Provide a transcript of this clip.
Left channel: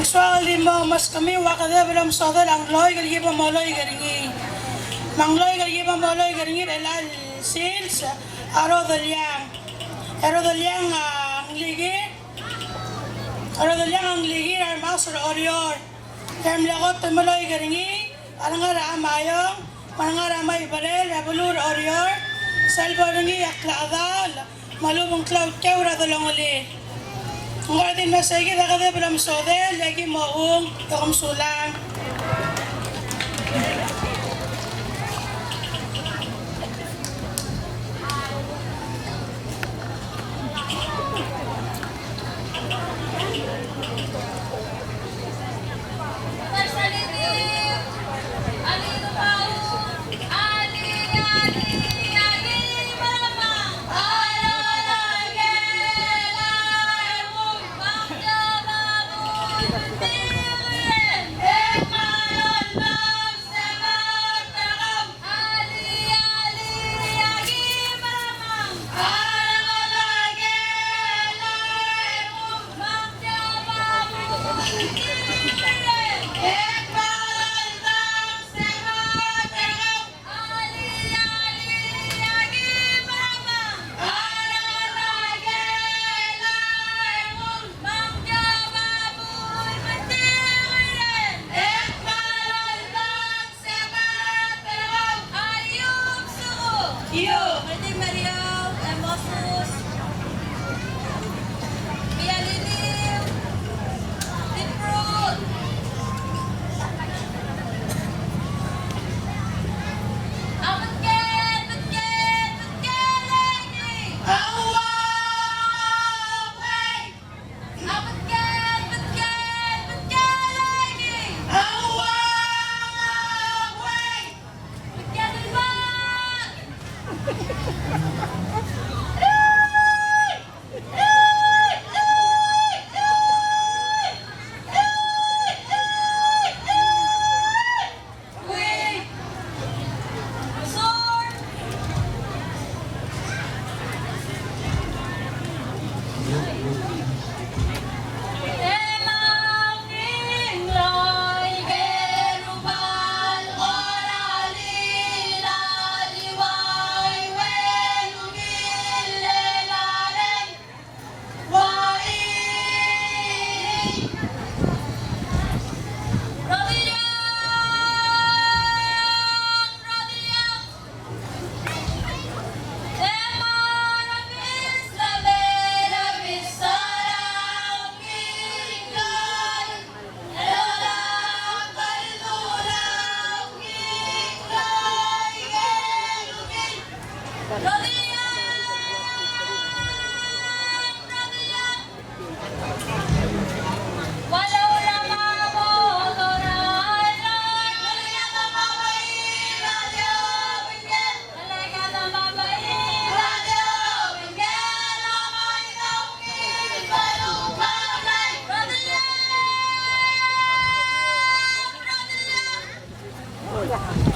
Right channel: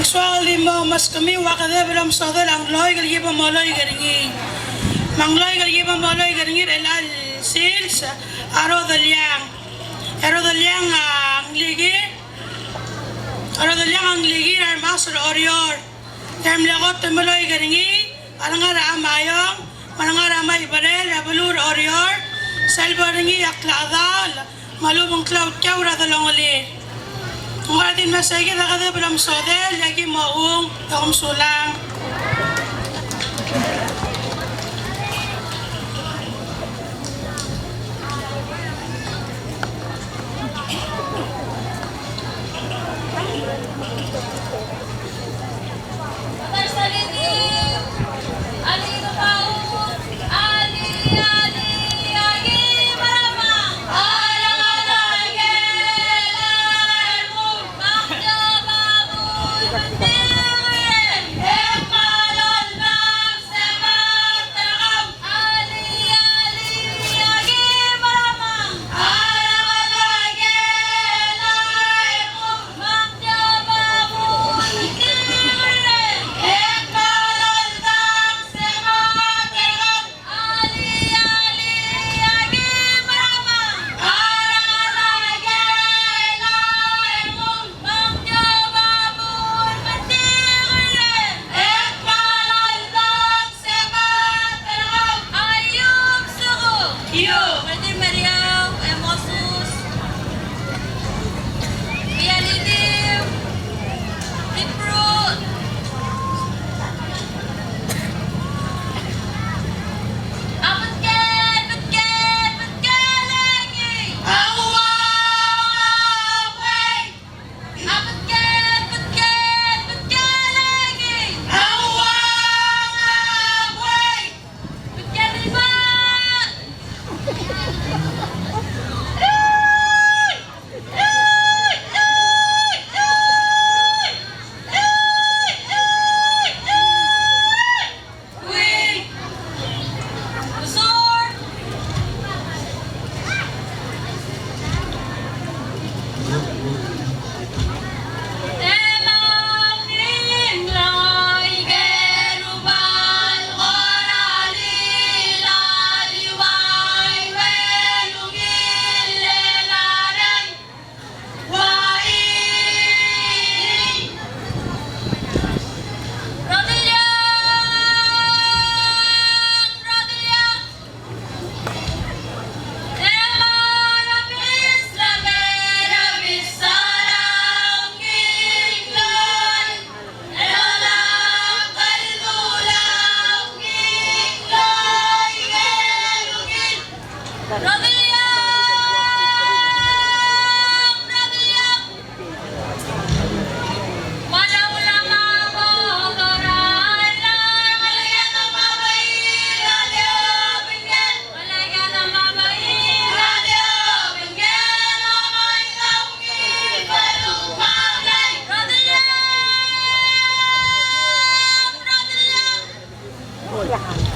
Suagal di mo mas kami wakade belum sodel angloy gal yiba moloy garingi. Mangloy gal yiba moloy garingi elal sils aro dalyang. Aro dalyang angligi. Aro dalyang angligi ar masur orior. Dem lagot temoloy garingi. Alangara amayong. Manangara may barel abulur orior. Selbaringi aklada malubong cloud kawra dalongoli. Mungkin masih kita kata belum sodel lagi mau yang sulam. Yeah.